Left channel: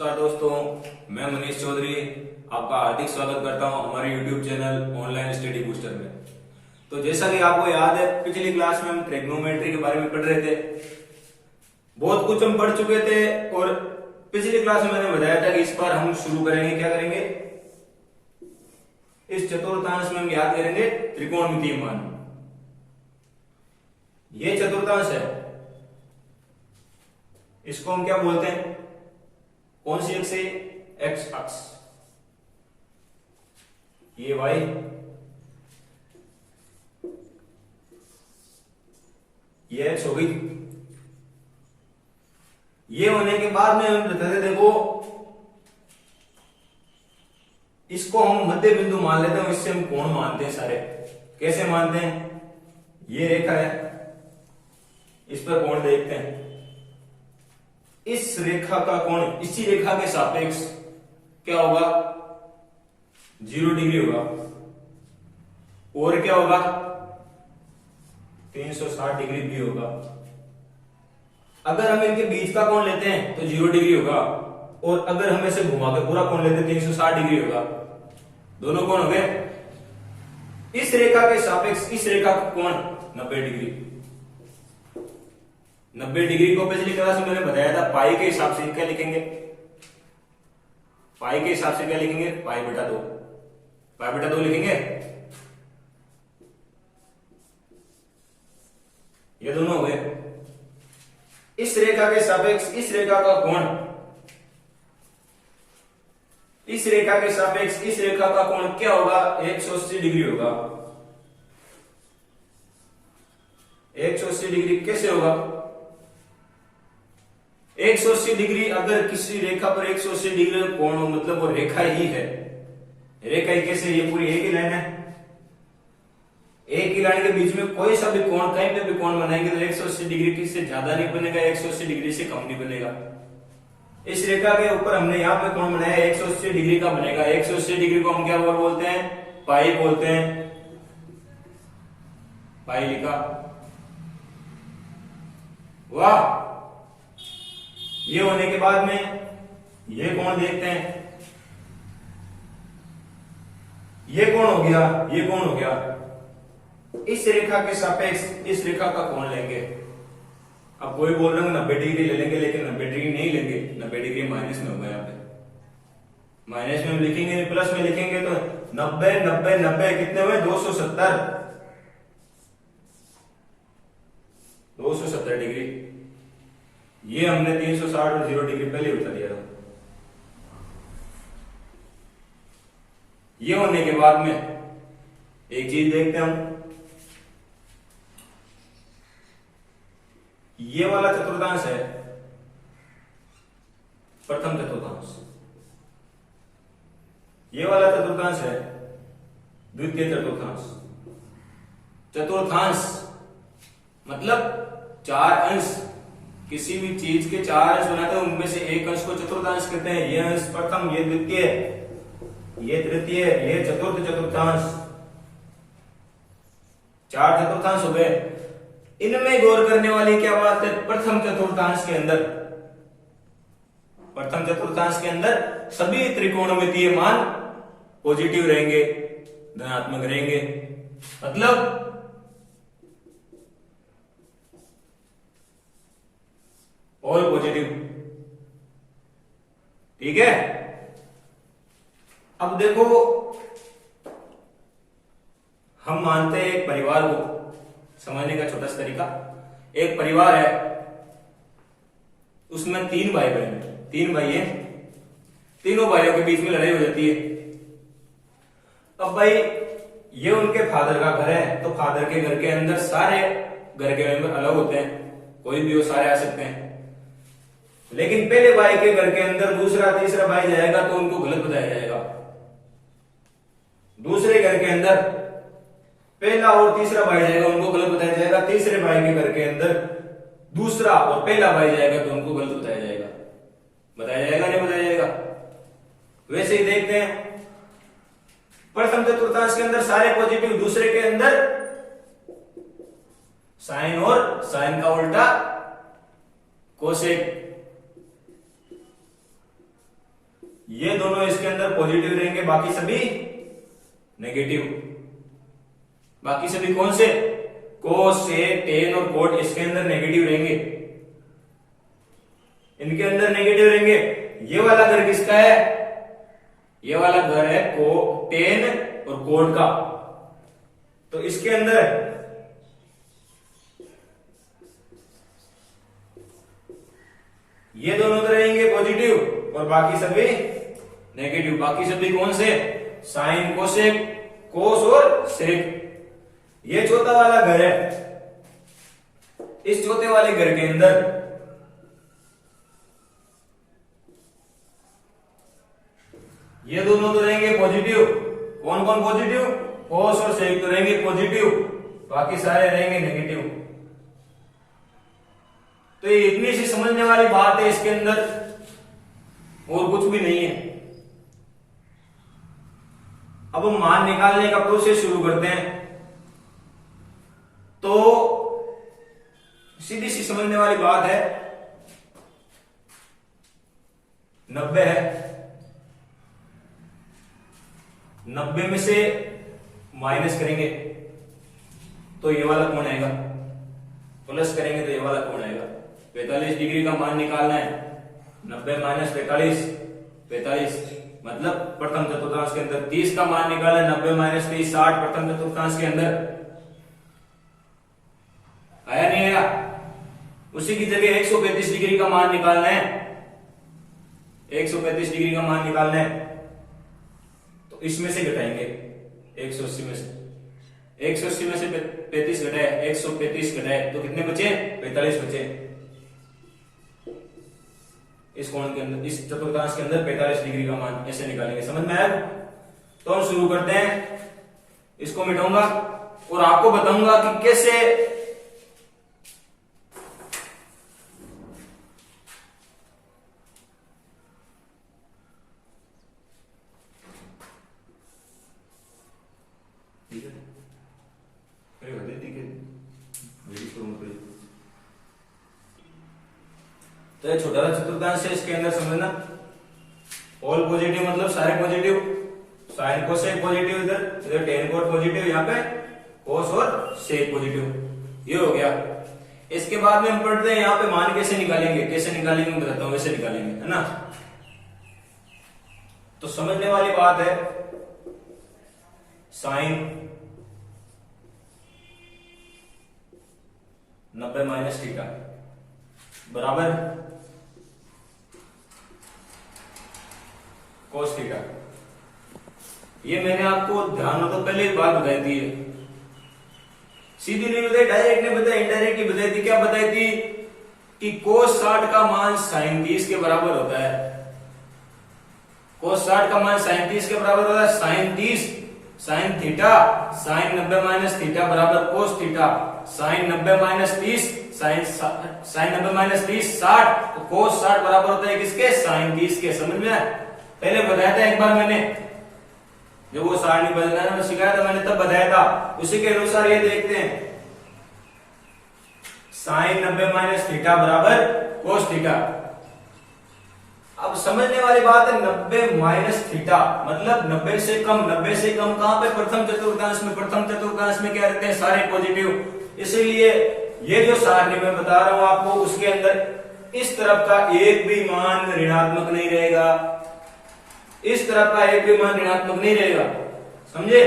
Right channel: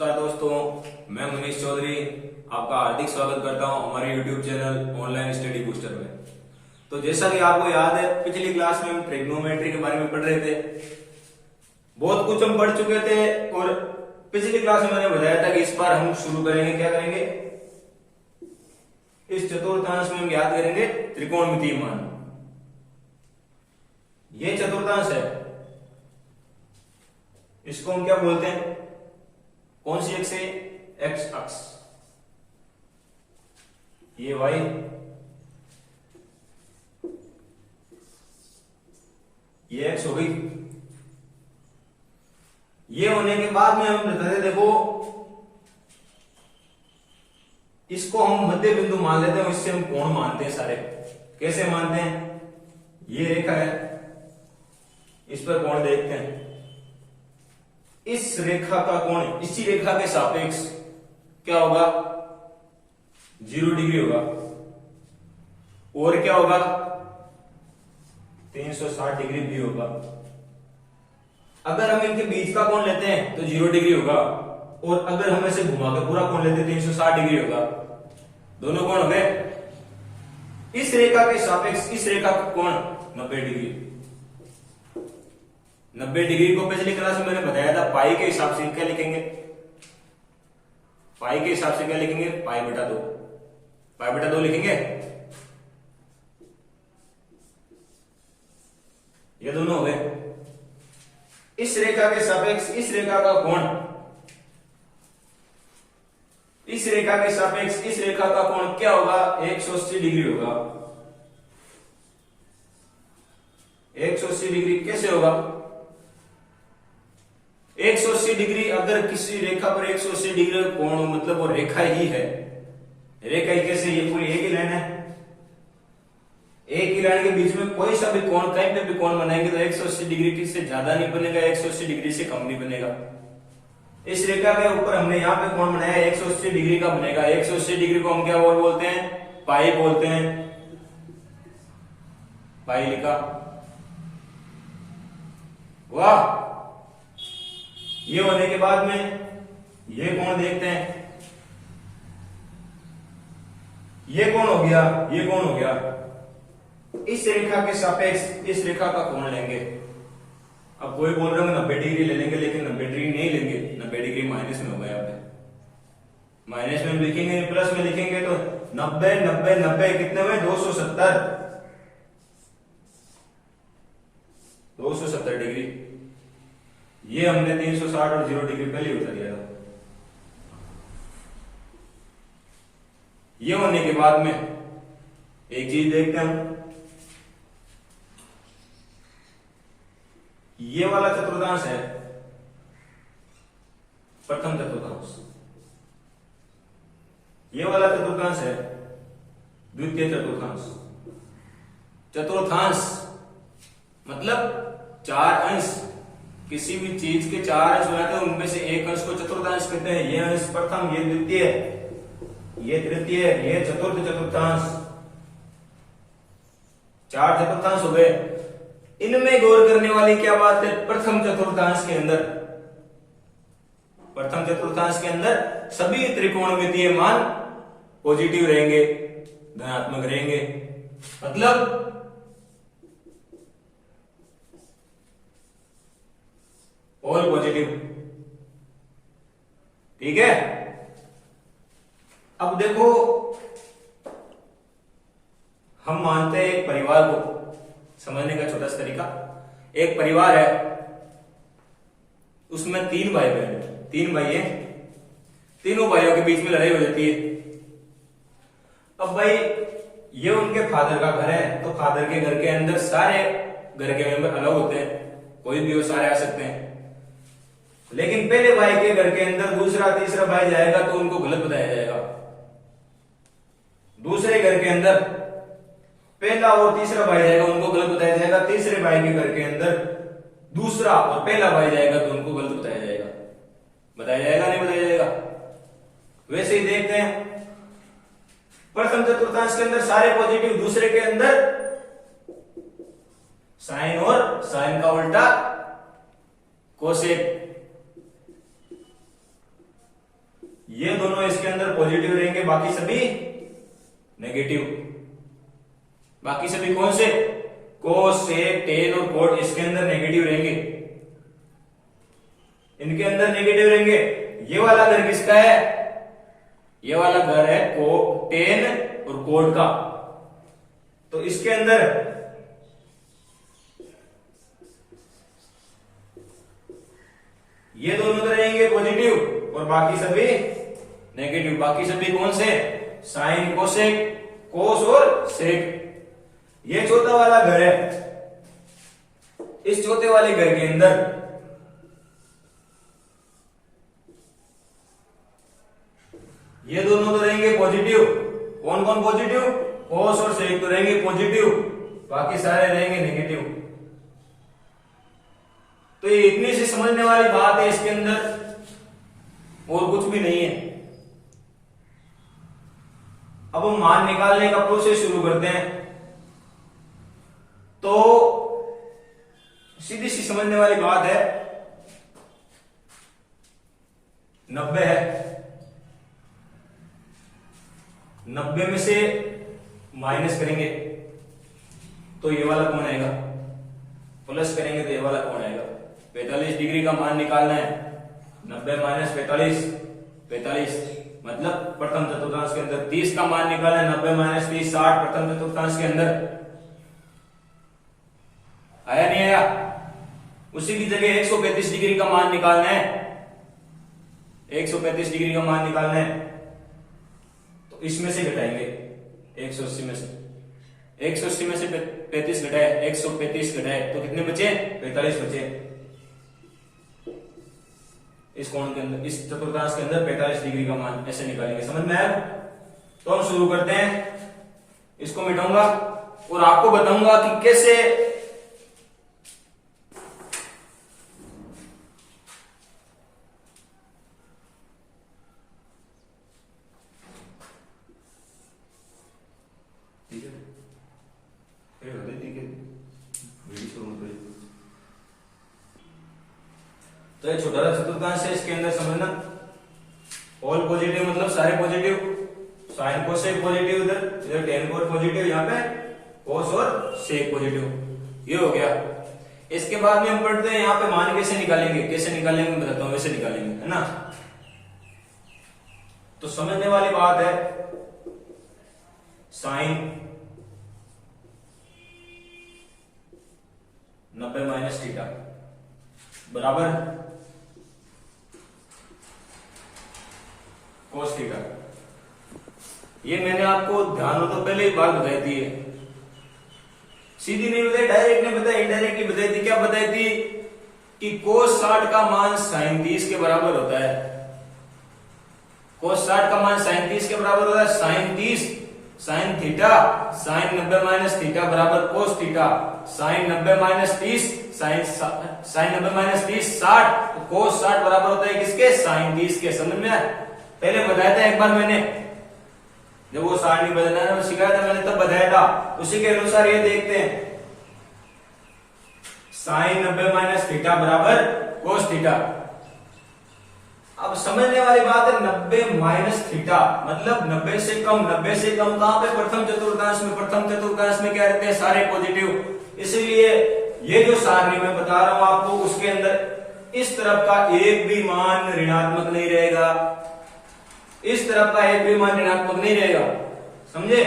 नमस्कार दोस्तों, मैं मनीष चौधरी आपका हार्दिक स्वागत करता हूं हमारे YouTube channel online study booster में। तो जैसा कि आपको याद है, पिछली क्लास में हम ट्रिग्नोमेट्री के बारे में पढ़ रहे थे। बहुत कुछ हम पढ़ चुके थे और पिछली क्लास में मैंने बताया था कि इस बार हम शुरू करेंगे, क्या करेंगे, इस चतुर्थांश में हम याद करेंगे त्रिकोणमितीय मान। ये चतुर्थांश है, इसको हम क्या बोलते हैं, कौन सी एक्स है, एक्स अक्ष, ये वाई, ये एक्स हो गई। ये होने के बाद में हम बताते थे, देखो इसको हम मध्य बिंदु मान लेते हैं, इससे हम कोण मानते हैं सारे। कैसे मानते हैं, ये रेखा है, इस पर कोण देखते हैं, इस रेखा का कोण इसी रेखा के सापेक्ष क्या होगा, 0 डिग्री होगा। और क्या होगा, 360 डिग्री भी होगा। अगर हम इनके बीच का कोण लेते हैं तो 0 डिग्री होगा, और अगर हम ऐसे घुमा के पूरा कोण लेते हैं 360 डिग्री होगा। दोनों कोण हो गए। इस रेखा के सापेक्ष इस रेखा का कोण 90 डिग्री। 90 डिग्री को पिछली क्लास में मैंने बताया था, पाई के हिसाब से क्या लिखेंगे, पाई के हिसाब से क्या लिखेंगे, पाई बटा 2, पाई बटा 2 लिखेंगे। ये दोनों हो गए। इस रेखा के सापेक्ष इस रेखा का कोण, इस रेखा के सापेक्ष इस रेखा का कोण क्या होगा, 180 डिग्री होगा। 180 डिग्री कैसे होगा, 180 डिग्री अगर किसी रेखा पर 180 डिग्री कोण हो, मतलब वो रेखा ही है। रेखा ही कैसे, ये पूरी एक ही लाइन है, एक ही लाइन के बीच में कोई सा भी कोण, कहीं पे भी कोण बनाएंगे तो 180 डिग्री से ज्यादा नहीं बनेगा, 180 डिग्री से कम नहीं बनेगा। इस रेखा के ऊपर हमने यहाँ पे कोण बनाया 180 डिग्री का बनेगा। 180 डिग्री को हम क्या बोलते हैं, पाई बोलते हैं। पाई लिखा, वाह। ये होने के बाद में ये कोण देखते हैं, ये कोण हो गया, ये कोण हो गया। इस रेखा के सापेक्ष इस रेखा का कोण लेंगे। अब कोई बोल रहे हो 90 डिग्री ले लेंगे, लेकिन 90 डिग्री नहीं लेंगे, 90 डिग्री माइनस में होगा। यहाँ पे माइनस में हम लिखेंगे नहीं, प्लस में लिखेंगे। तो 90 90 90 कितने हुए, 270, 270 डिग्री। ये हमने 360 और 0 डिग्री पहले बता दिया। ये होने के बाद में एक चीज देखते हैं हम, ये वाला चतुर्थांश है प्रथम चतुर्थांश, ये वाला चतुर्थांश है द्वितीय चतुर्थांश। चतुर्थांश मतलब 4 अंश, किसी भी चीज के 4 अंश बनाते हैं, उनमें से एक अंश को चतुर्थांश कहते हैं। ये अंश प्रथम, ये द्वितीय, ये तृतीय, ये चतुर्थ चतुर्थांश। 4 चतुर्थांश हो गए। इनमें गौर करने वाली क्या बात है, प्रथम चतुर्थांश के अंदर, प्रथम चतुर्थांश के अंदर सभी त्रिकोणमितीय मान पॉजिटिव रहेंगे, धनात्मक रहेंगे। मतलब ऑल पॉजिटिव, ठीक है। अब देखो, हम मानते हैं एक परिवार को, समझने का छोटा सा तरीका, एक परिवार है, उसमें 3 भाई बहन, 3 भाई हैं, तीनों भाइयों के बीच में लड़ाई हो जाती है। अब भाई ये उनके फादर का घर है, तो फादर के घर के अंदर सारे घर के मेंबर अलग होते हैं, कोई भी हो, सारे आ सकते हैं। लेकिन पहले भाई के घर के अंदर दूसरा तीसरा भाई जाएगा तो उनको गलत बताया जाएगा। दूसरे घर के अंदर पहला और तीसरा भाई जाएगा, उनको गलत बताया जाएगा। तीसरे भाई के घर के अंदर दूसरा और पहला भाई जाएगा तो उनको गलत बताया जाएगा। बताया जाएगा, नहीं बताया जाएगा। वैसे ही देखते हैं, प्रथम चतुर्थांश के अंदर सारे पॉजिटिव, दूसरे के अंदर साइन और साइन का उल्टा कोसेक। ये दोनों इसके अंदर पॉजिटिव रहेंगे, बाकी सभी नेगेटिव। बाकी सभी कौन से? कोस, सेक, टेन और कोट इसके अंदर नेगेटिव रहेंगे, इनके अंदर नेगेटिव रहेंगे। ये वाला घर किसका है? ये वाला घर है टेन और कोट का, तो इसके अंदर ये दोनों तो रहेंगे पॉजिटिव और बाकी सभी नेगेटिव। बाकी सभी कौन से? साइन, कोसेक, कोस और सेक। ये चौथा वाला घर है, इस चौथे वाले घर के अंदर ये दोनों तो रहेंगे पॉजिटिव। कौन कौन पॉजिटिव? कोस और सेक तो रहेंगे पॉजिटिव, बाकी सारे रहेंगे नेगेटिव। तो ये इतनी सी समझने वाली बात है इसके अंदर, और कुछ भी नहीं है। अब हम मान निकालने का प्रोसेस शुरू करते हैं। तो सीधी सी समझने वाली बात है, 90 है, 90 में से माइनस करेंगे तो ये वाला कौन आएगा, प्लस करेंगे तो ये वाला कौन आएगा। 45 डिग्री का मान निकालना है, 90 माइनस 45, 45 मतलब प्रथम चतुर्थांश के अंदर। 30 का मान निकालना है, 90 माइनस 30, 60 प्रथम चतुर्थांश के अंदर। आया नहीं आया? उसी की जगह 135 डिग्री का मान निकालना है, 135 डिग्री का मान निकालना है, तो इसमें से घटाएंगे 180 में से, 180 में से 35 घटाए, 135 घटाए तो कितने बचे? 45 बचे। इस कोण के अंदर, इस चतुर्थांश के अंदर 45 डिग्री का मान ऐसे निकालेंगे। समझ में आया? तो हम शुरू करते हैं। इसको मिटाऊंगा और आपको बताऊंगा कि कैसे तो ये छोटा सा चतुर्थांश है, इसके अंदर समझना ऑल पॉजिटिव मतलब सारे पॉजिटिव, साइन कोस सेक पॉजिटिव, इधर इधर टेन कोट पॉजिटिव, यहाँ पे कोस और सेक पॉजिटिव। ये हो गया। इसके बाद में हम पढ़ते हैं यहाँ पे मान कैसे निकालेंगे, कैसे निकालेंगे मैं बताता हूं, वैसे निकालेंगे, है ना। तो समझने वाली बात है, साइन 90 माइनस थीटा बराबर कोस थीटा। ये मैंने आपको ध्यान हो तो पहले ही बात बताई थी, सीधी नहीं बताई, डायरेक्ट नहीं बताई, इनडायरेक्टली बताई थी। क्या बताई थी? कि कोस 60 का मान साइन 30 के बराबर होता है। कोस 60 का मान साइन 30 के बराबर होता है। Sine 30 sine theta sine 90 minus theta बराबर cos theta. Sine 90 minus 30 sine 90 minus 30 60, तो कोस 60 बराबर होता है किसके? साइन 30 के। समझ में आया? पहले बताया था एक बार मैंने, जब वो सारणी बदलना सिखाया था मैंने, तब बताया था। उसी के अनुसार ये देखते हैं, साइन 90 माइनस थीटा बराबर कोस थीटा। अब समझने वाली बात है, 90 माइनस थीटा मतलब 90 से कम। 90 से कम कहां पे? प्रथम चतुर्थांश में। प्रथम चतुर्थांश में क्या रहते हैं? सारे पॉजिटिव। इसलिए ये जो सारणी मैं बता रहा हूं आपको, उसके अंदर इस तरफ का एक भी मान ऋणात्मक नहीं रहेगा, इस तरफ का एक भी मान ऋणात्मक नहीं रहेगा। समझे?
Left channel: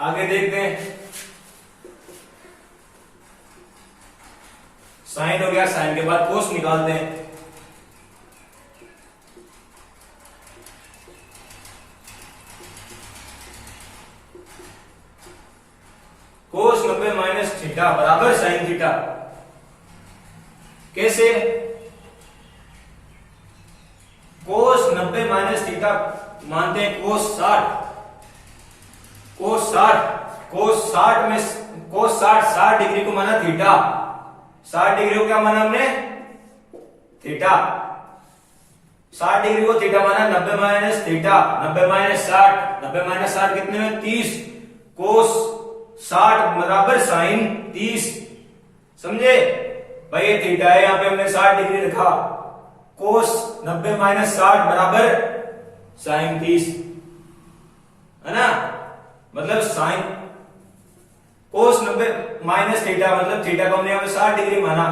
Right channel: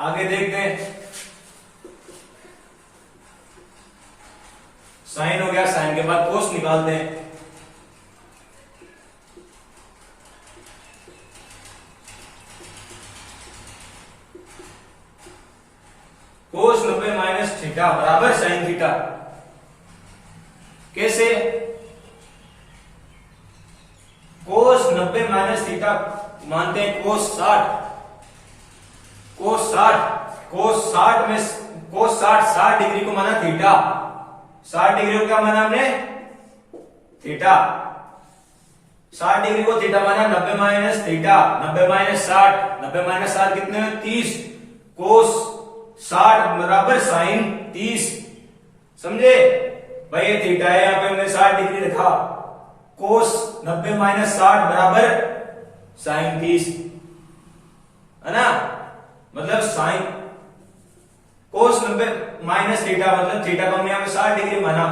आगे देखते हैं। साइन हो गया, साइन के बाद कोस निकालते हैं। कोस 90 माइनस थीटा बराबर साइन थीटा। कैसे? कोस 90 माइनस थीटा मानते हैं कोस 60। कोस 60 में कोस 60 डिग्री को माना थीटा। 60 डिग्री को क्या माना हमने? थीटा। 60 डिग्री को थीटा माना 90 माइनस थीटा। 90 माइनस 60, 90 माइनस 60 कितने में? 30। कोस 60 बराबर साइन 30। समझे भाई? ये थीटा है, यहां पे हमने 60 डिग्री रखा। कोस 90 माइनस 60 बराबर साइन 30, है ना। मतलब साइन कोस 90 माइनस थीटा, मतलब थीटा को हमने यहाँ पे 60 डिग्री माना,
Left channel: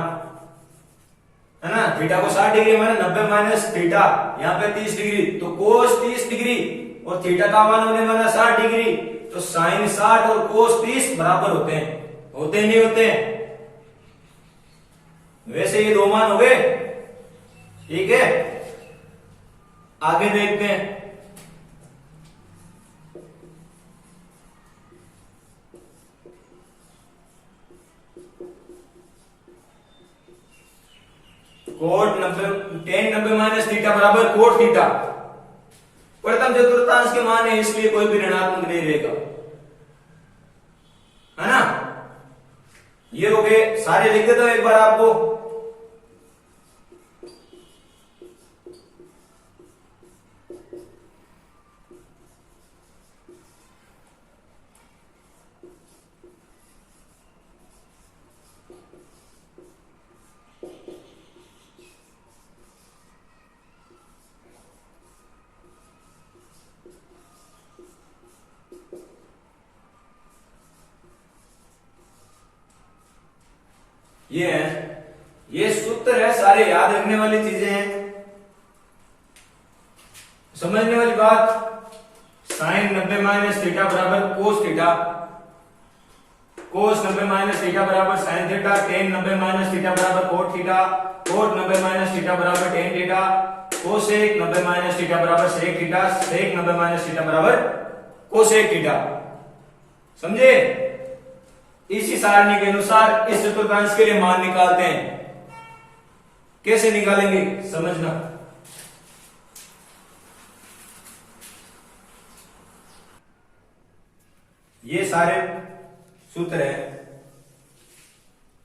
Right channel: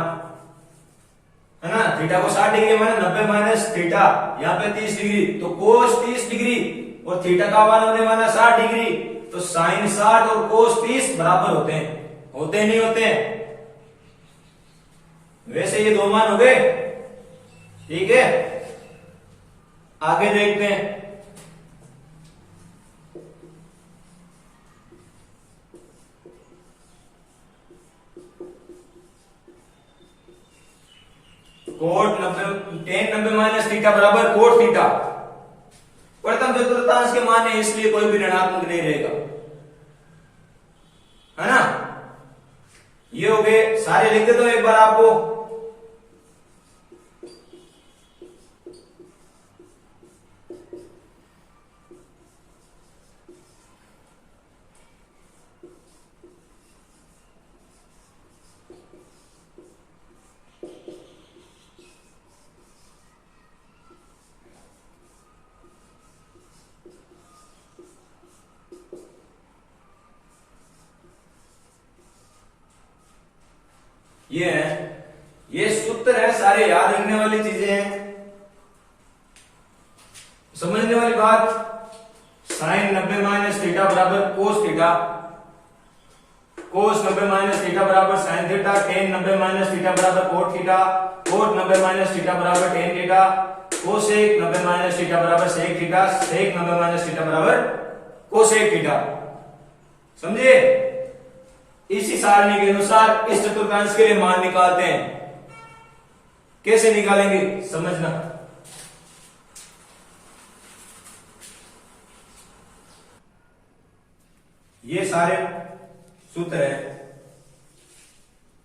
है ना। थीटा को 60 डिग्री माना, 90 माइनस थीटा यहाँ पे 30 डिग्री, तो कोस 30 डिग्री और थीटा का मान हमने माना 60 डिग्री, तो साइन 60 और कोस 30 बराबर होते हैं, होते नहीं होते हैं। वैसे ये दो मान हो गए, ठीक है। आगे देखते हैं। कोट 90 tan 90 माइनस थीटा बराबर कोट थीटा। प्रथम चतुर्थांश के मान है, इसलिए कोई भी ऋणात्मक नहीं रहेगा, है ना। ये हो गए सारे, लिख देता हूं एक बार आपको। ये है, ये सूत्र है, सारे याद रखने वाली चीजें हैं, समझने वाली बात। साइन 90 माइनस थीटा बराबर cos theta, cos 90 minus theta बराबर sine theta, tan 90 minus theta बराबर cot theta, cot 90 minus theta बराबर tan theta, cosec 90 minus theta बराबर sec theta, sec 90 minus theta बराबर कोसेक थीटा। समझे। इसी सारणी के अनुसार इस चतुर्थांश के लिए मान निकालते हैं। कैसे निकालेंगे समझना। ये सारे सूत्र हैं,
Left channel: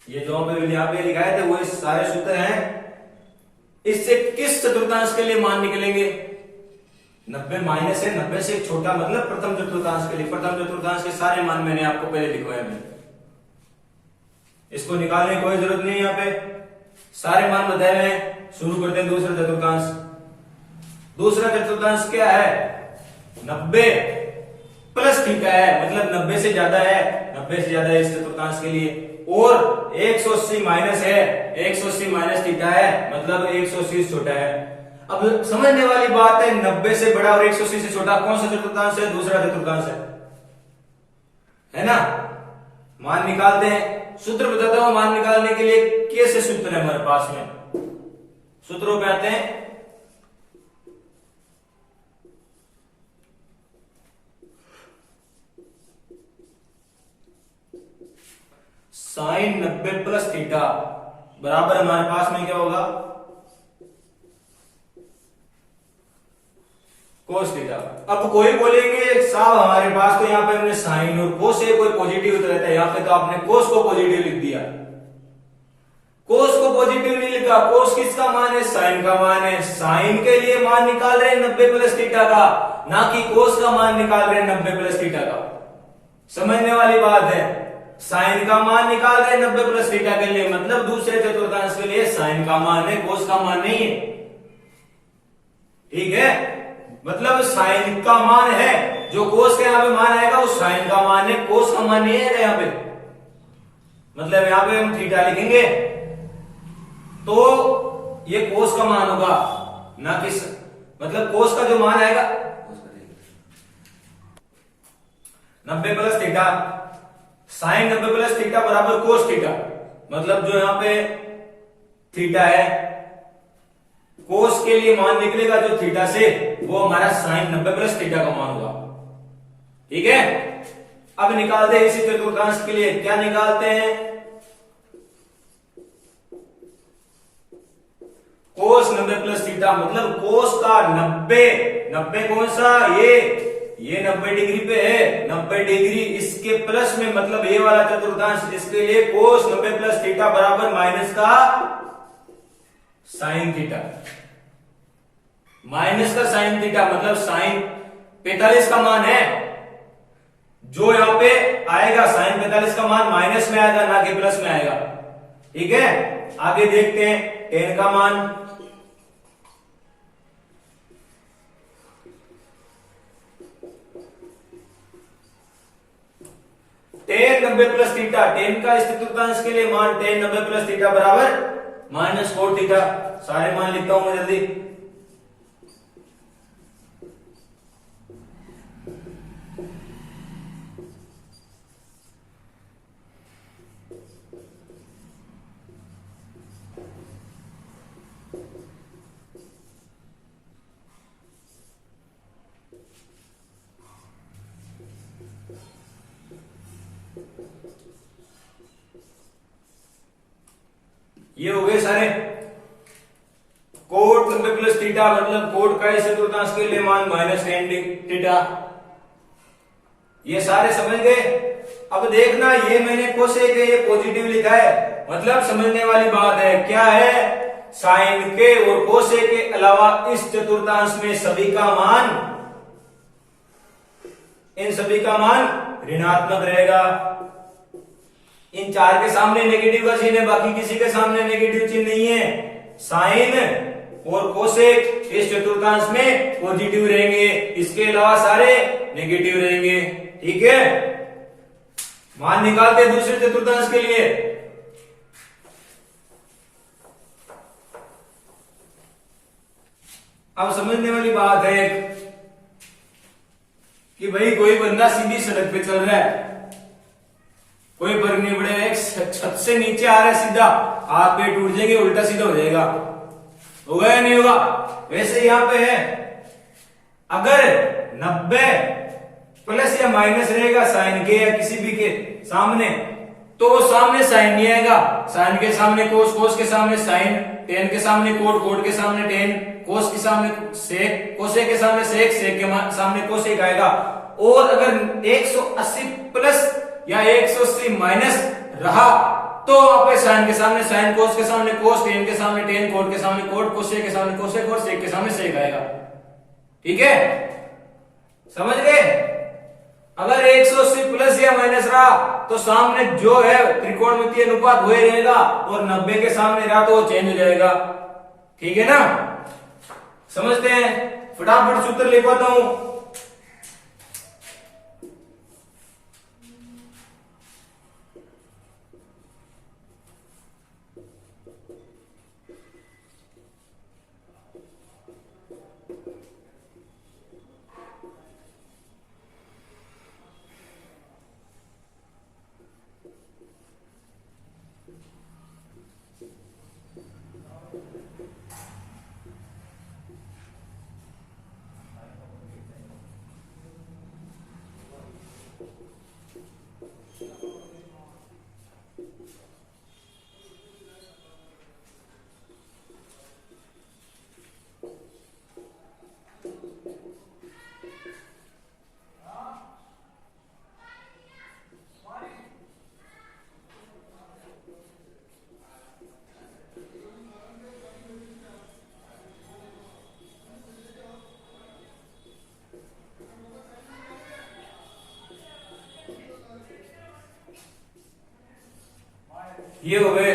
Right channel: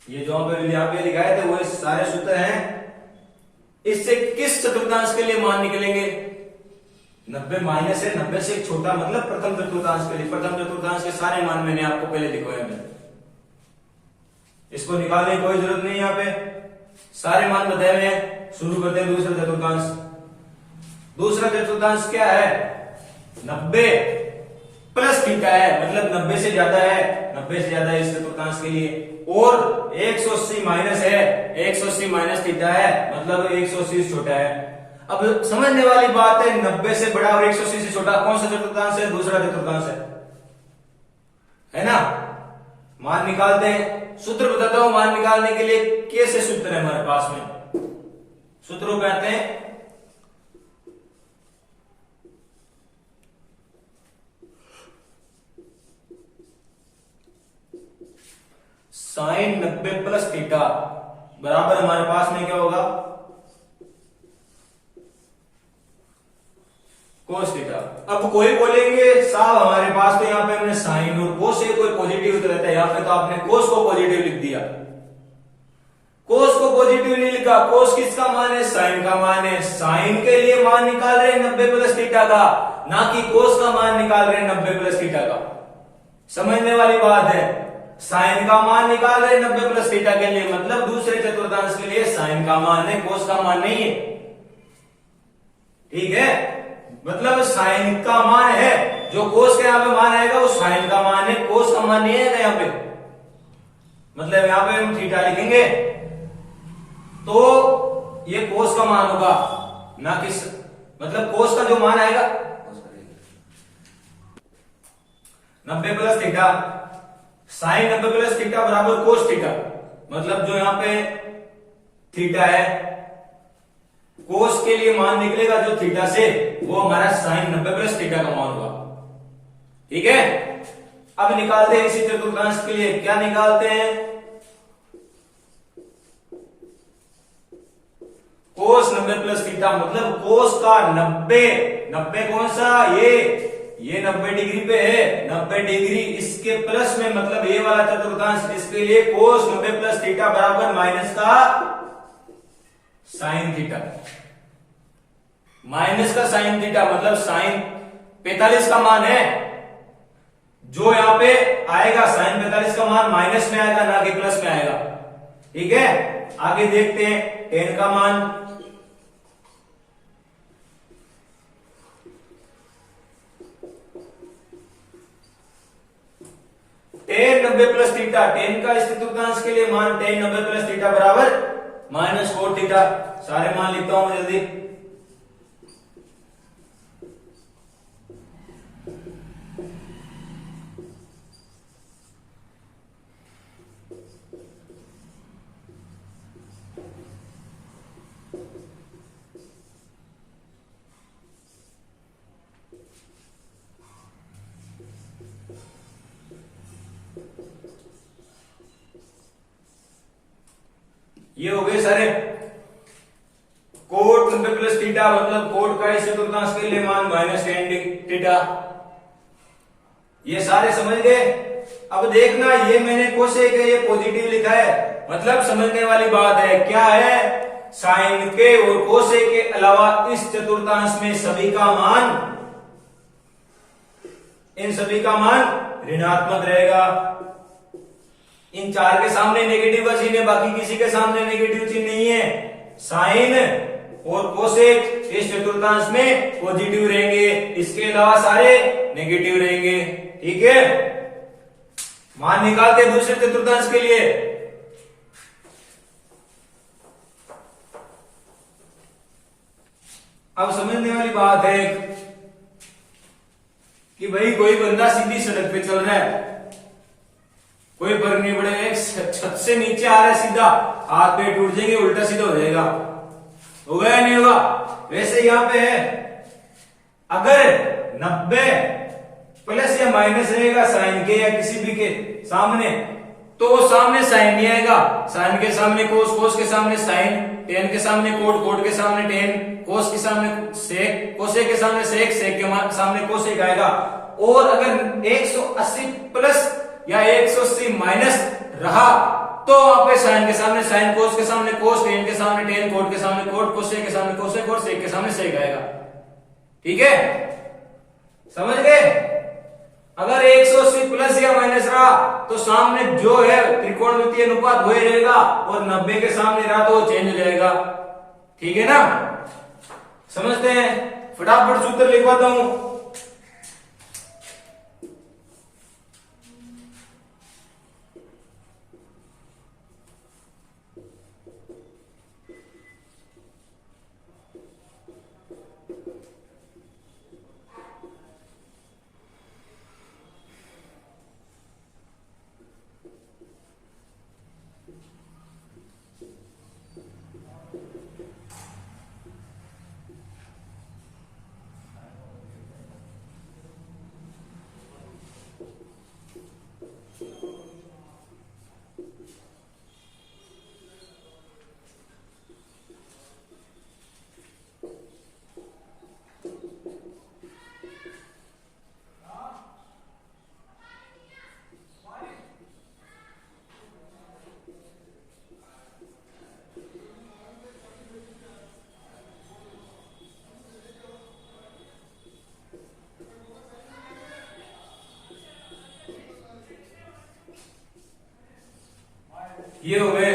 ये जो यहाँ पे लिखाए थे वो सारे सूत्र हैं। इससे किस चतुर्थांश के लिए मान निकलेंगे। 90 माइनस है, 90 से छोटा मतलब प्रथम चतुर्थांश के लिए। प्रथम चतुर्थांश के सारे मान मैंने आपको पहले लिखवाए हैं, इसको निकालने की कोई जरूरत नहीं। यहाँ पे सारे मान बताए हुए हैं। शुरू करते हैं दूसरा चतुर्थांश। दूसरा चतुर्थांश क्या है, 90 प्लस थीटा है, मतलब 90 से ज्यादा है, 90 से ज्यादा है इस चतुर्थांश के लिए। और 180 माइनस है, 180 माइनस थीटा है, मतलब 180 से छोटा है। अब समझने वाली बात है, 90 से बड़ा और 180 से छोटा कौन सा चतुर्थांश है, दूसरा चतुर्थांश है ना। मान निकालते हैं। सूत्र बताता हूं मान निकालने के लिए कैसे सूत्र है हमारे पास में। सूत्रों पे आते हैं। साइन 90 प्लस थीटा बराबर हमारे पास में क्या होगा, कोस थीटा। अब कोई बोलेंगे साहब हमारे पास तो यहाँ पे हमने साइन और कोस से कोई पॉजिटिव तो रहता है, यहाँ पे तो आपने कोस को पॉजिटिव लिख दिया। कोस को पॉजिटिव नहीं लिखा, कोस किसका मान है, साइन का मान है। साइन के लिए मान निकाल रहे हैं 90 प्लस थीटा का, ना कि कोस का मान निकाल रहे हैं 90 प्लस थीटा का। समझने वाली बात है। साइन का मान निकाल रहे हैं 90 प्लस थीटा के लिए, मतलब दूसरे चतुर्थांश के लिए साइन का मान है, कोस का मान नहीं है। ठीक है, मतलब साइन का मान है, जो कोस का यहाँ पे मान आएगा वो साइन का मान है, कोस का मान नहीं आएगा यहाँ पे। मतलब यहाँ पे हम थीटा लिखेंगे तो ये कोस का मान होगा, ना कि मतलब कोस का जो मान आएगा 90 plus theta, sine 90 plus theta बराबर कोस थीटा। मतलब जो यहाँ पे थीटा है, कोस के लिए मान निकलेगा जो थीटा से, वो हमारा साइन 90 प्लस थीटा का मान होगा। ठीक है, अब निकालते हैं इसी चतुर्थांश के लिए। क्या निकालते हैं, कोस 90 प्लस थीटा, मतलब कोस का 90 कौन सा, ये 90 डिग्री पे है, 90 डिग्री इसके प्लस में, मतलब ये वाला चतुर्थांश, इसके लिए कोस 90 प्लस थीटा बराबर माइनस का साइन थीटा। माइनस का साइन थीटा मतलब साइन 45 का मान है, जो यहां पे आएगा साइन 45 का मान माइनस में आएगा, ना कि प्लस में आएगा। ठीक है, आगे देखते हैं टेन का मान। टेन 90 प्लस थीटा, टेन का इस चतुर्थांश के लिए मान टेन 90 प्लस थीटा बराबर माइनस कोट थीटा। सारे मान लिखता हूं मैं जल्दी। ये हो गए सारे कोट 90 प्लस थीटा, मतलब कोट का इस चतुर्थांश के लिए मान माइनस टेन थीटा। ये सारे समझ गए। अब देखना, ये मैंने कोसेक है, ये पॉजिटिव लिखा है, मतलब समझने वाली बात है। क्या है? साइन के और कोसेक के अलावा इस चतुर्थांश में सभी का मान, इन सभी का मान ऋणात्मक रहेगा। इन चार के सामने नेगेटिव का चिन्ह है, बाकी किसी के सामने नेगेटिव चिन्ह नहीं है। साइन और कोसेक इस चतुर्थांश में पॉजिटिव रहेंगे, इसके अलावा सारे नेगेटिव रहेंगे। ठीक है, मान निकालते हैं दूसरे चतुर्थांश के लिए। अब समझने वाली बात है कि भाई कोई बंदा सीधी सड़क पे चल रहा है, कोई फर्क नहीं पड़ेगा, एक छत से नीचे आ रहा है सीधा, हाथ पे टूट जाएंगे, उल्टा सीधा हो जाएगा, होगा या नहीं होगा? वैसे यहां पे है, अगर 90 प्लस या माइनस रहेगा साइन के या किसी भी के सामने, तो सामने साइन नहीं आएगा। साइन के सामने कोस, कोस के सामने साइन, टेन के सामने कोट, कोट के सामने टेन, कोस के सामने सेक, कोसे के सामने सेक, सेक के सामने कोसेक आएगा। और अगर 180 प्लस या 180 माइनस रहा तो वहां पे साइन के सामने साइन, कोस के सामने कोस, टेन के सामने टेन, कोट के सामने कोट, कोसेक के सामने कोसेक और सेक के सामने सेक आएगा। ठीक है, समझ गए? अगर 180 प्लस या माइनस रहा तो सामने जो है त्रिकोणमितीय अनुपात वही रहेगा, और 90 के सामने रहा तो वो चेंज हो जाएगा। ठीक है ना? समझते हैं? फटाफट सूत्र लिखवाता हूं। ये हो गए।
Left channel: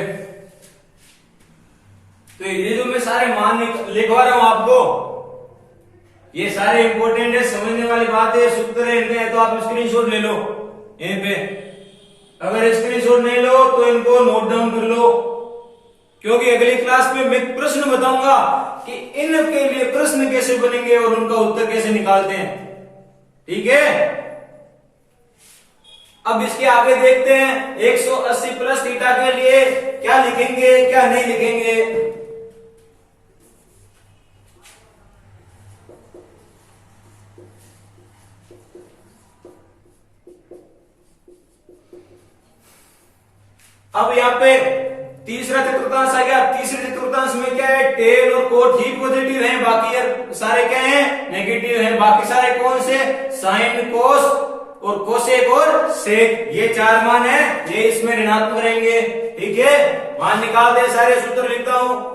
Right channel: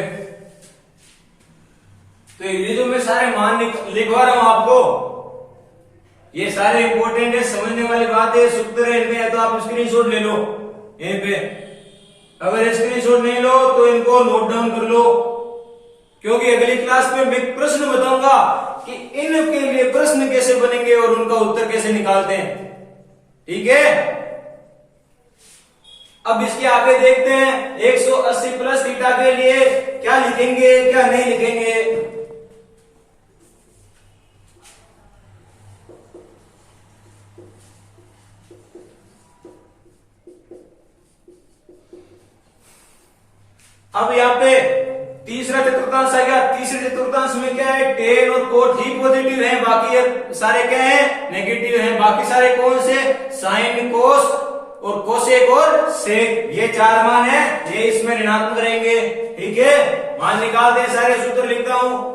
तो ये जो मैं सारे मान लिखवा रहा हूं आपको, ये सारे इंपॉर्टेंट है, समझने वाली बात है, सूत्र है इनमें, तो आप स्क्रीनशॉट ले लो यहीं पे। अगर स्क्रीनशॉट नहीं लो तो इनको नोट डाउन कर लो, क्योंकि अगली क्लास में मैं प्रश्न बताऊंगा कि इनके लिए प्रश्न कैसे बनेंगे और उनका उत्तर कैसे निकालते हैं। ठीक है, अब इसके आगे देखते हैं 180 प्लस थीटा के लिए क्या लिखेंगे क्या नहीं लिखेंगे। अब यहाँ पे तीसरा चतुर्थांश आ गया। तीसरे चतुर्थांश में क्या है? टेन और कोट ही पॉजिटिव हैं, बाकी सारे क्या हैं? नेगेटिव हैं। बाकी सारे कौन से? साइन, कोस और कोसेक और सेक, ये चार मान है, ये इसमें ऋणात्मक रहेंगे। ठीक है, मान निकालते हैं सारे, सूत्र लिखता हूं।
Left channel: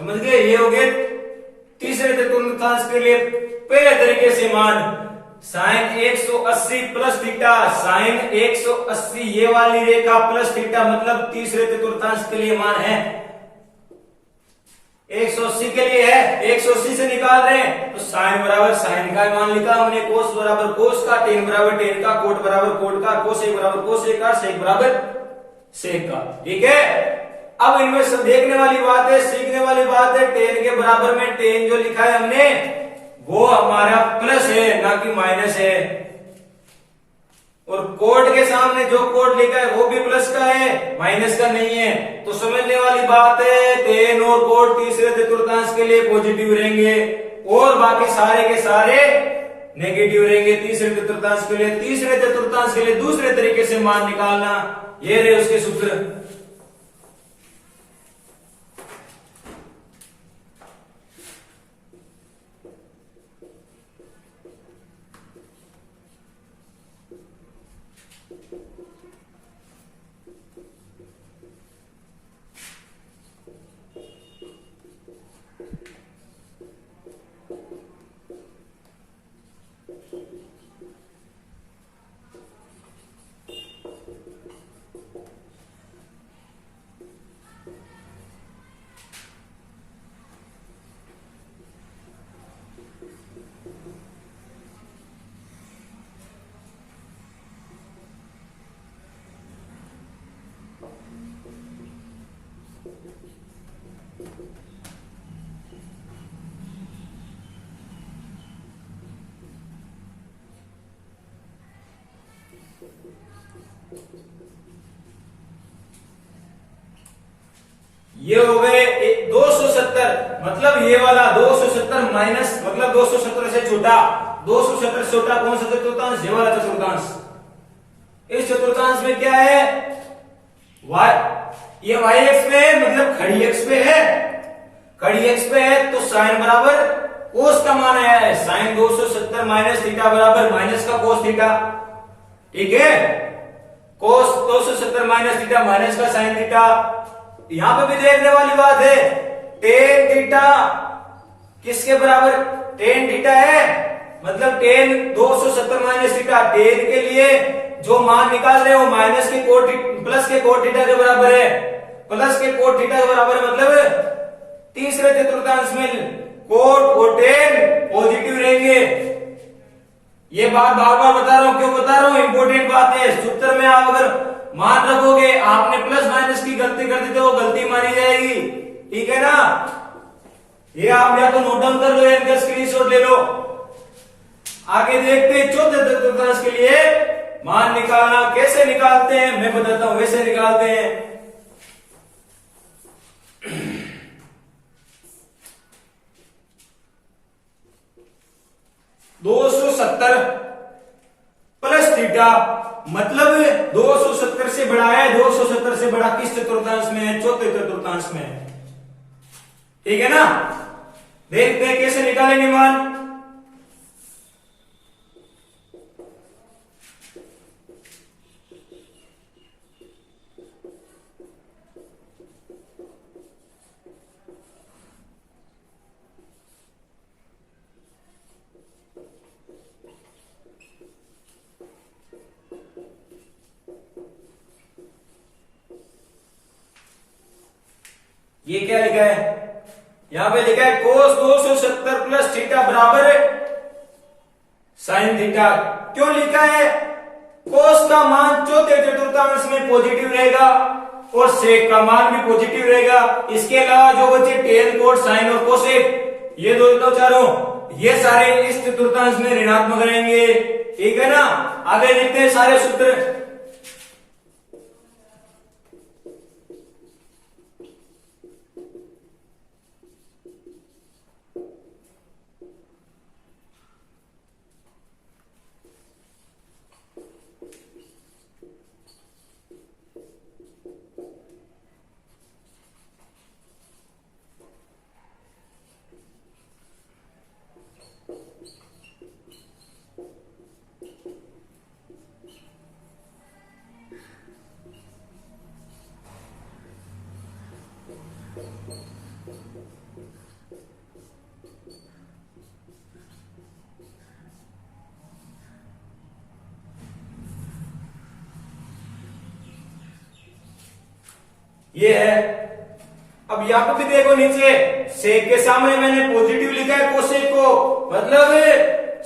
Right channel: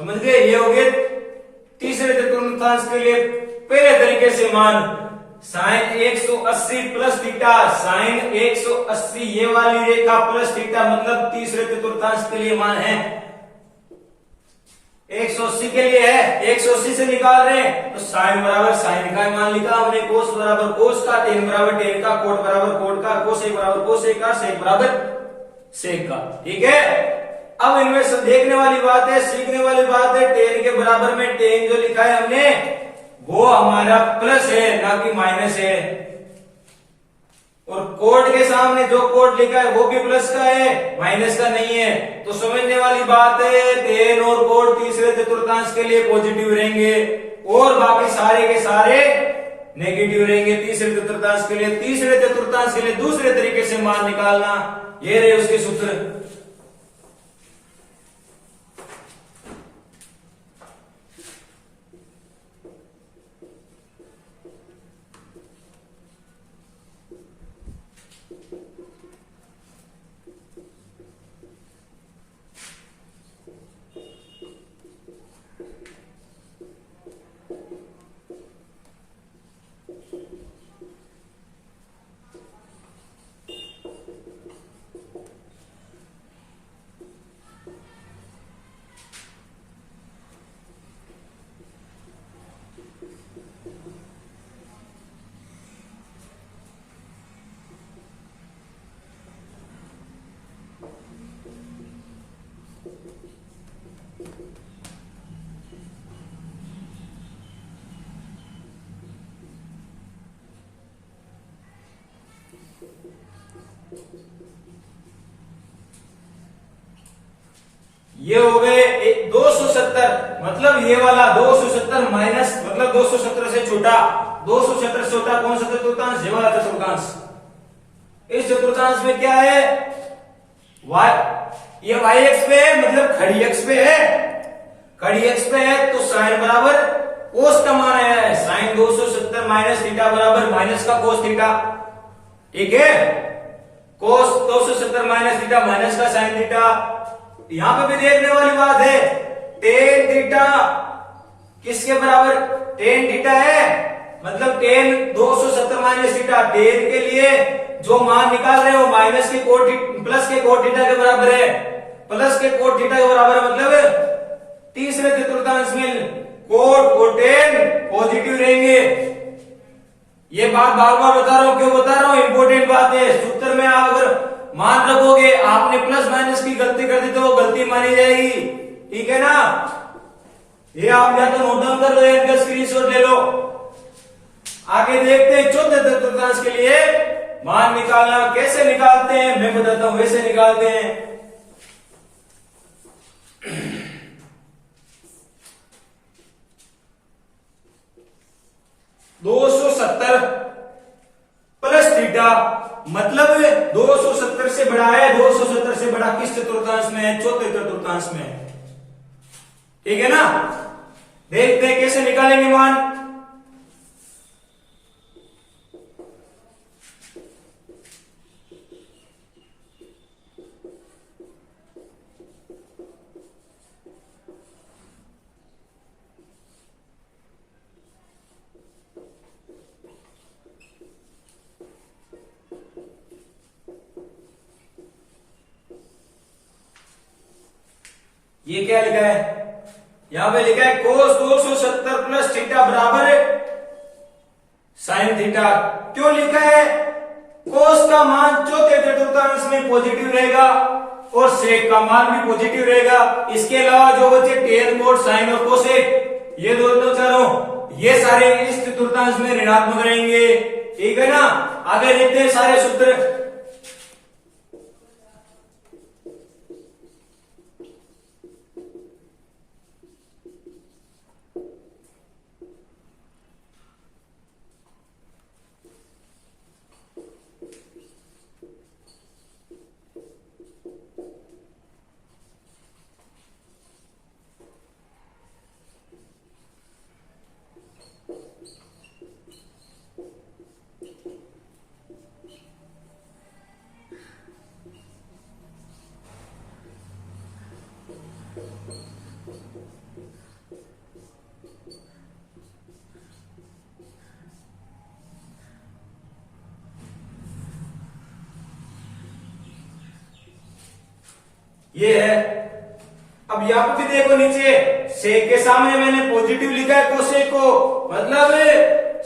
समझ गए? ये हो गए तीसरे चतुर्थांश के लिए पहले तरीके से मान साइन 180 प्लस थीटा, साइन 180 ये वाली रेखा प्लस थीटा, मतलब तीसरे चतुर्थांश के लिए मान है 180 के लिए है, 180 से निकाल रहे हैं तो साइन बराबर साइन का मान लिखा हमने, कोस बराबर कोस का, टेन बराबर टेन का, कोट बराबर कोट का, कोसेक बराबर कोसेक का, सेक बराबर सेक का। ठीक है, अब इनमें सब देखने वाली बात है, सीखने वाली बात है, टेन के बराबर में टेन जो लिखा है हमने वो हमारा प्लस है ना कि माइनस है, और कोट के सामने जो कोट लिखा है वो भी प्लस का है, माइनस का नहीं है। तो समझने वाली बात है, टेन और कोट तीसरे चतुर्थांश के लिए पॉजिटिव रहेंगे और बाकी सारे के सारे नेगेटिव रहेंगे तीसरे चतुर्थांश के लिए। तीसरे चतुर्थांश के लिए दूसरे तरीके से मान निकालना, ये रहे उसके सूत्र। ये हो गए 270, मतलब ये वाला 270 माइनस, मतलब 270 से छोटा, 270 से छोटा कौन सा चतुर्थांश? ये वाला चतुर्थांश। इस चतुर्थांश में क्या है? ये y एक्स पे है, मतलब खड़ी एक्स पे है, खड़ी एक्स पे है तो साइन बराबर कोस का मान आया है, साइन 270 माइनस थीटा बराबर माइनस का कोस थीटा। ठीक है, कोस 270 माइनस थीटा माइनस का साइन थीटा। यहां पे भी देखने वाली बात है, टेन थीटा किसके बराबर? टेन थीटा है, मतलब टेन 270 माइनस थीटा, टेन के लिए जो मान निकाल रहे हो माइनस के कोट प्लस के कोट थीटा के बराबर है, प्लस के कोट थीटा के बराबर, मतलब तीसरे चतुर्थांश में कोट और टेन पॉजिटिव रहेंगे। ये बात बार बार बता रहा हूं, क्यों बता रहा हूं? इंपॉर्टेंट बात है। सूत्र में आप अगर मान रखोगे, आपने प्लस माइनस की गलती कर दी तो वो गलती मानी जाएगी। ठीक है ना? ये आप या तो नोट डाउन कर लो या इनका स्क्रीनशॉट ले लो। आगे देखते हैं चौथे चतुर्थांश के लिए मान निकालना कैसे निकालते हैं, मैं बताता हूं वैसे निकालते हैं। $270 प्लस थीटा, मतलब 270 से बड़ा है, 270 से बड़ा किस चतुर्थांश में है? चौथे चतुर्थांश में। ठीक है ना? देखते हैं कैसे निकालेंगे मान। ये क्या लिखा है? यहां पे लिखा है कोस 270 प्लस थीटा बराबर साइन थीटा। क्यों लिखा है? कोस का मान चौथे चतुर्थांश में पॉजिटिव रहेगा और सेक का मान भी पॉजिटिव रहेगा। इसके अलावा जो बचे टेन, कोट, साइन और कोसेक, ये दोनों चारों, ये सारे इस चतुर्थांश में ऋणात्मक रहेंगे। ठीक है ना? आगे लिखते हैं सारे सूत्र। ये है। अब यहाँ पे भी देखो नीचे सेक के सामने मैंने पॉजिटिव लिखा है कोसेक को, मतलब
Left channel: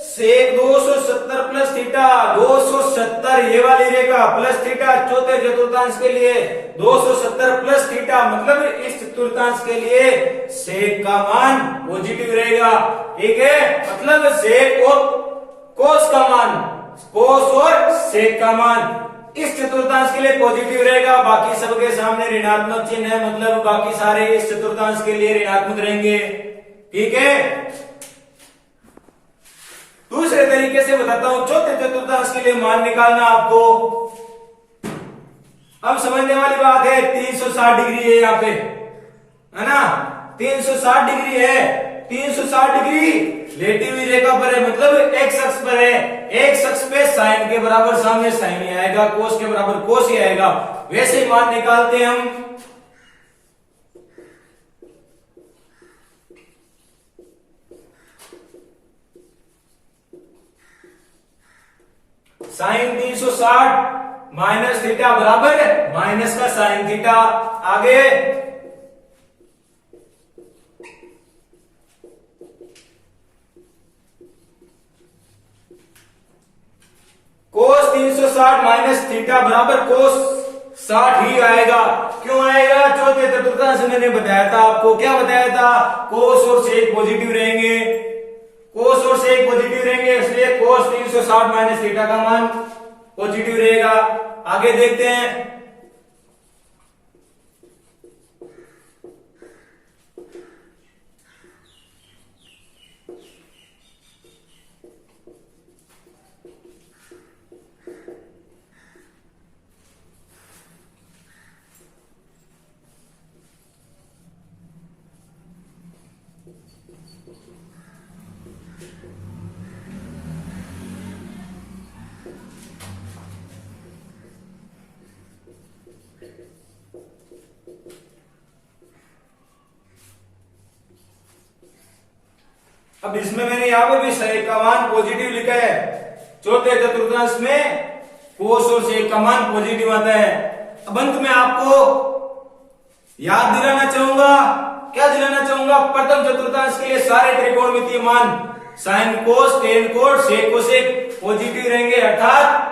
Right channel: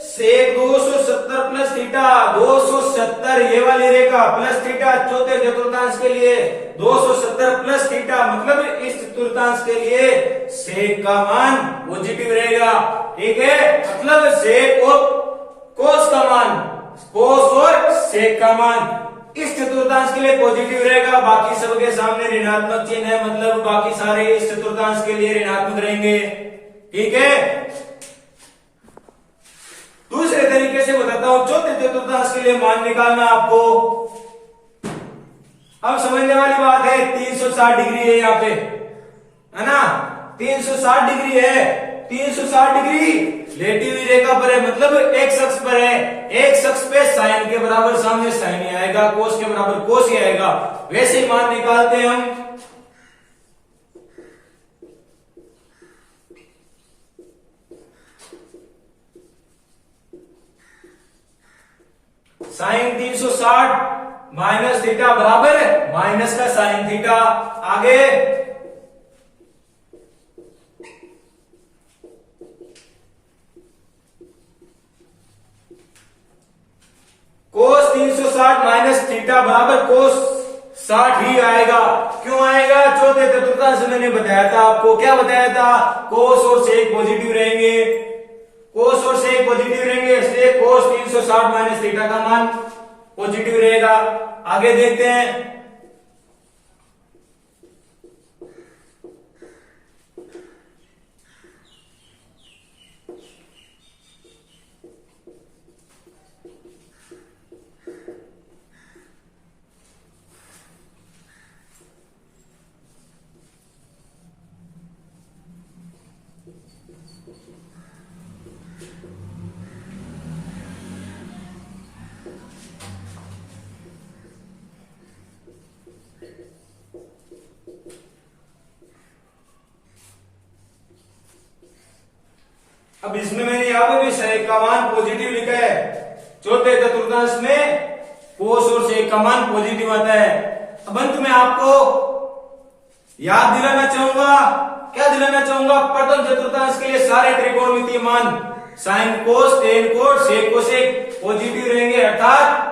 सेक 270 प्लस थीटा, 270 ये वाली रेखा प्लस थीटा चौथे चतुर्थांश के लिए 270 प्लस थीटा, मतलब इस चतुर्थांश के लिए सेक का मान पॉजिटिव रहेगा। ठीक है, मतलब सेक और कोस का मान, कोस और सेक का मान इस चतुर्थांश के लिए पॉजिटिव रहेगा, बाकी सबके सामने ऋणात्मक चिन्ह है, मतलब बाकी सारे इस चतुर्थांश के लिए ऋणात्मक रहेंगे। ठीक है, दूसरे तरीके से बताता हूं, चौथे चतुर्थांश के लिए मान निकालना आपको। अब समझने वाली बात है, 360 डिग्री है यहाँ पे, है ना, 360 डिग्री है, 360 डिग्री लेटी हुई रेखा पर है, मतलब एक्स अक्ष पर है। एक्स अक्ष पे साइन के बराबर सामने साइन ही आएगा, कोस के बराबर कोस ही आएगा। वैसे ही मान निकालते हैं हम। साइन 360 माइनस थीटा बराबर माइनस का साइन थीटा। आगे कोस 360 माइनस थीटा बराबर कोस 60 ही आएगा। क्यों आएगा? चौथे चतुर्थांश मैंने बताया था आपको, क्या बताया था, कोस और सेक पॉजिटिव रहेंगे, कोस और सेक पॉजिटिव रहेंगे, इसलिए कोस 360 माइनस थीटा का मान पॉजिटिव रहेगा। आगे देखते हैं, अब इसमें मैंने यहां पे भी सेक का मान पॉजिटिव लिखा है। चौथे चतुर्थांश में कोस और सेक का मान पॉजिटिव आता है। अब अंत में आपको याद दिलाना चाहूंगा, क्या दिलाना चाहूंगा, प्रथम चतुर्थांश के लिए सारे त्रिकोणमितीय मान साइन कोस, टेन कोस, सेक कोसेक पॉजिटिव रहेंगे, अर्थात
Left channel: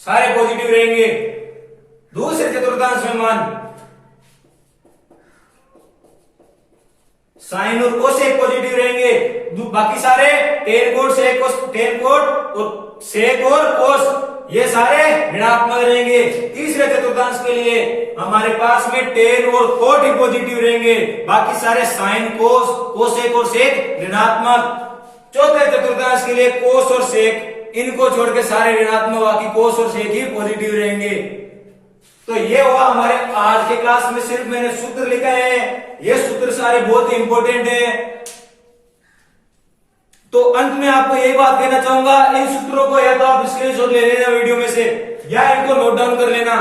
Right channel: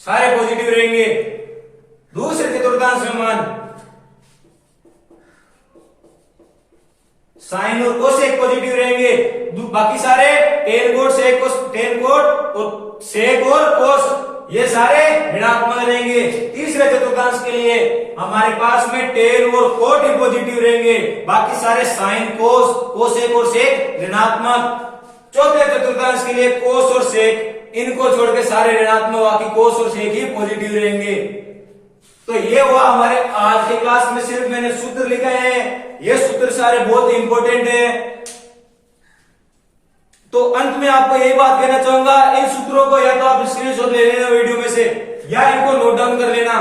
सारे पॉजिटिव रहेंगे। दूसरे चतुर्थांश में मान साइन और कोसेक पॉजिटिव रहेंगे, बाकी सारे टेन कोट, सेक कोस, टेन कोट और सेक और कोस ये सारे ऋणात्मक रहेंगे। तीसरे चतुर्थांश के लिए हमारे पास में टेन और कोट ही पॉजिटिव रहेंगे, बाकी सारे साइन, कोस, कोसेक और सेक ऋणात्मक। चौथे चतुर्थांश के लिए कोस और सेक इनको छोड़ के सारे ऋणात्मक, बाकी कोस और सेक ही पॉजिटिव रहेंगे। तो ये हुआ हमारे आज के क्लास में, सिर्फ मैंने सूत्र लिखा है, ये सूत्र सारे बहुत इंपॉर्टेंट है। तो अंत में आपको यही बात कहना चाहूंगा, इन सूत्रों को या तो आप स्क्रीनशॉट ले लेना वीडियो में से, या इनको नोट डाउन कर लेना।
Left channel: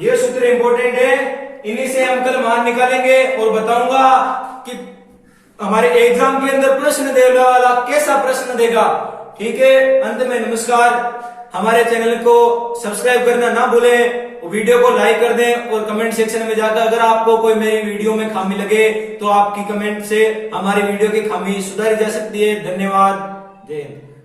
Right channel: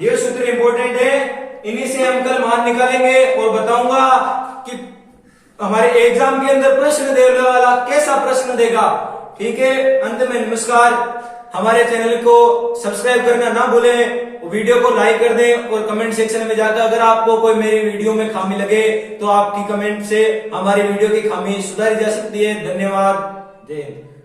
ये सूत्र इंपॉर्टेंट है, इन्हीं से हम कल मान निकालेंगे और बताऊंगा कि हमारे एग्जाम के अंदर प्रश्न देने वाला कैसा प्रश्न देगा। ठीक है, अंत में नमस्कार। हमारे चैनल को सब्सक्राइब करना ना भूलें, वीडियो को लाइक कर दें और कमेंट सेक्शन में जाकर अगर आपको कोई मेरी वीडियो में खामी लगे तो आपकी कमेंट से हमारी वीडियो की खामी सुधारी जा सकती है। धन्यवाद, जय हिंद।